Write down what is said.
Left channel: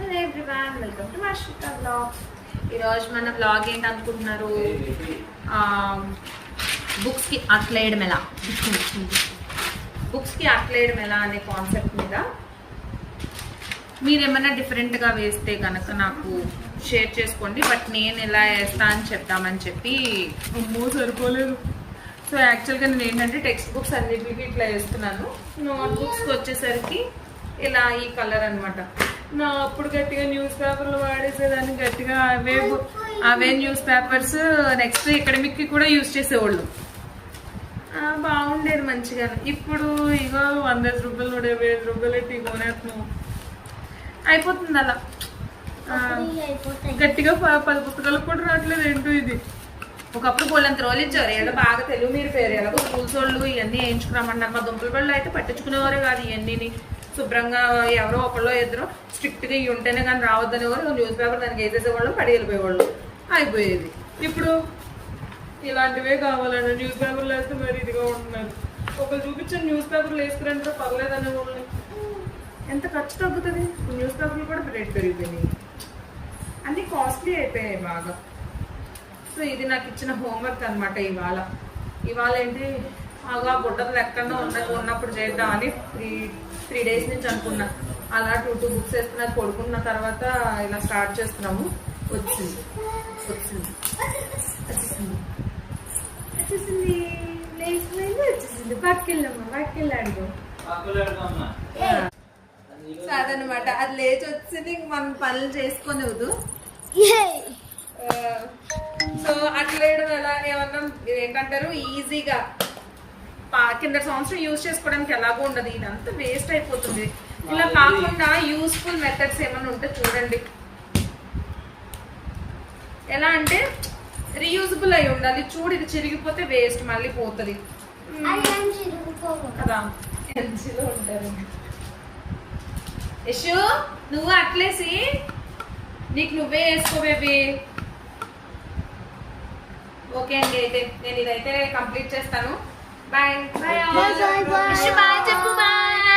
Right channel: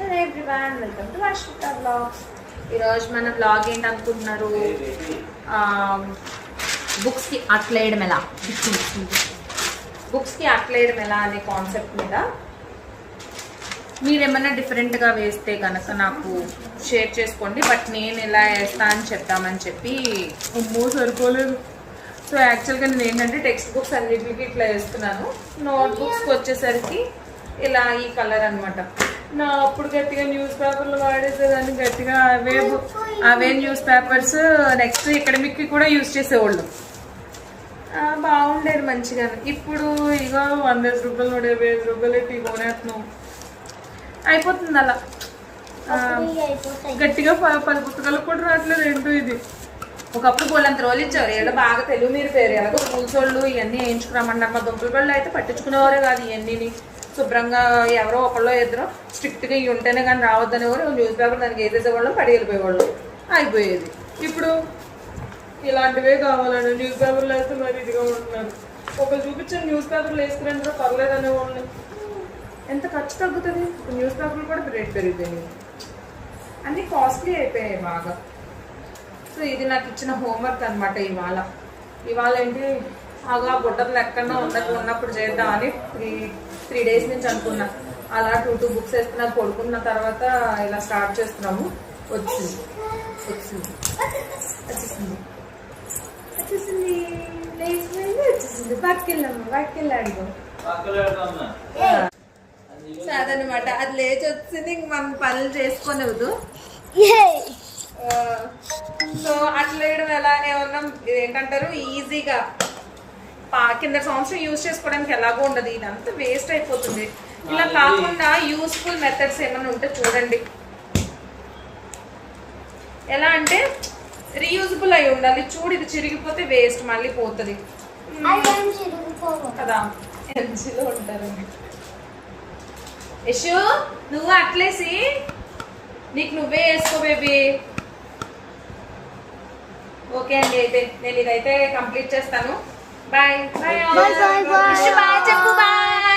Hello everyone, welcome to Varshitha blogs. ఈరోజు మన blog ఏంటి అనుకుంటున్నారు? బుక్స్కి అట్లేయడం ఎలా, బుక్స్కి అట్లేయడం ఎలా అనే కాన్సెప్ట్ మీద మీరు ఏమైనా డిఫరెంట్గా వేస్తే కనుక నాకు షేర్ చేసుకోండి. బట్ నేను ఎలా వేస్తా అని చెప్తామని చెప్పి సరిపోలేదు. సో యాక్చువల్గా నేను ఏంటంటే టెక్స్ట్ బుక్స్ అన్నిటికీ ఇట్లా వేస్తున్నాను. నోట్ బుక్స్కి వచ్చేసరికి ఇలా ఈ కలర్ అనమాట. నా అప్పుడు గట్టిగా న్యూస్ పేపర్లు వాడేసేదాన్ని, గట్టిగా అవే న్యూస్ పేపర్స్ నెక్స్ట్ అకాడమిక్కి కూడా యూజ్ చేసేవాళ్ళు. బాగుండేది మంచిగా. ఇప్పుడు ఇగో 100 రూపాయలు 150 రూపాయలు పెట్టి కొనేస్తున్నాం. అయిపోతుంది అలా. గట్టిగా 10 పుస్తకాలకు కూడా రావట్లేదు. ఏంటో ఇది. ఒకప్పుడు పోలంత రోజులు ఇచ్చారు. ఏదో బాగా తెలుగు మీరు పేరు ఎలాగో స్కూల్స్ వాళ్ళు ఇవన్నీ వేయించుకురామన్నారు. మా దుంపల వాళ్ళు అయితే పట్టించుకునేవారే కాదు. ఇవన్నీ శుభ్రంగా ఎవరో ఒకళ్ళో ఇద్దరు స్ట్రిక్ట్గా ఇవి ఉంటేనే కానీ రావద్దనేవారు. న్యూస్ పేపర్ దానికి వేసేసేవాళ్ళం, పడి వెళ్ళిపోయేవాళ్ళు. అయిపోయేది. ఇప్పుడు ఇలాంటివే కావాలండి. న్యూస్ పేపర్లు అయితే మరి ఇదిగా ఉంటున్నారు. ఒకరు చూపించిన న్యూస్ పేపర్లు వేసుకురంటే పర్లేదు అనేవాళ్ళు. ఎంత ఖర్చు తగ్గుతుంది. న్యూస్ పేపర్లు కూడా రేట్ పెరిగిపోయినాయి. అన్నీ కాస్ట్లీ అయిపోయాయి బాగా. సో ఇది నాకు ఇచ్చిన హోంవర్క్ అనమాట. ఇవాళ ఏంటి అలా బుట్టలు ఎక్కడన్నా ఉన్నప్పుడు చేద్దామని 3 days నుంచి అనుకున్నా. అలా 2 బుక్స్ వేసుకున్నా. పడుకున్న తర్వాత ఇలా స్టార్ట్ చేస్తున్నాము. వచ్చింది పట్టుకెళ్ళాడు. సో అదనమాట. అది లేచి వచ్చింది. మనం పనులు చేసుకోనివ్వదు. సో అట్లా వేయడం ఎలా ఏమన్నా ఏంటంటారు, ఈజీగా కింద సంవత్సరం యూజ్ చేసుకోవడానికి ఎలాగో ఉండదు. ఇదంతా వేస్ట్ అయిపోతుంది. ఇలా కాకుండా యూస్ఫుల్ మెథడ్స్ ఏమైనా ఉంటే చూడండి. ఎలా అంటే రీయూజబుల్ అయి ఉండాలి. చూడు, ఇది చిరిగిపోతే వేస్ట్, మళ్ళీ పోతుంది కదా. ఎల్జీలో ఉంటారు. యశు, నువ్వు అట్లేసి నీకు నువ్వే వేసుకో బేబీ. ఓకే అండి, అయితే నేను ఇదైతే కంప్లీట్ చేస్తాను. Bye bye. చెప్పు బాయ్.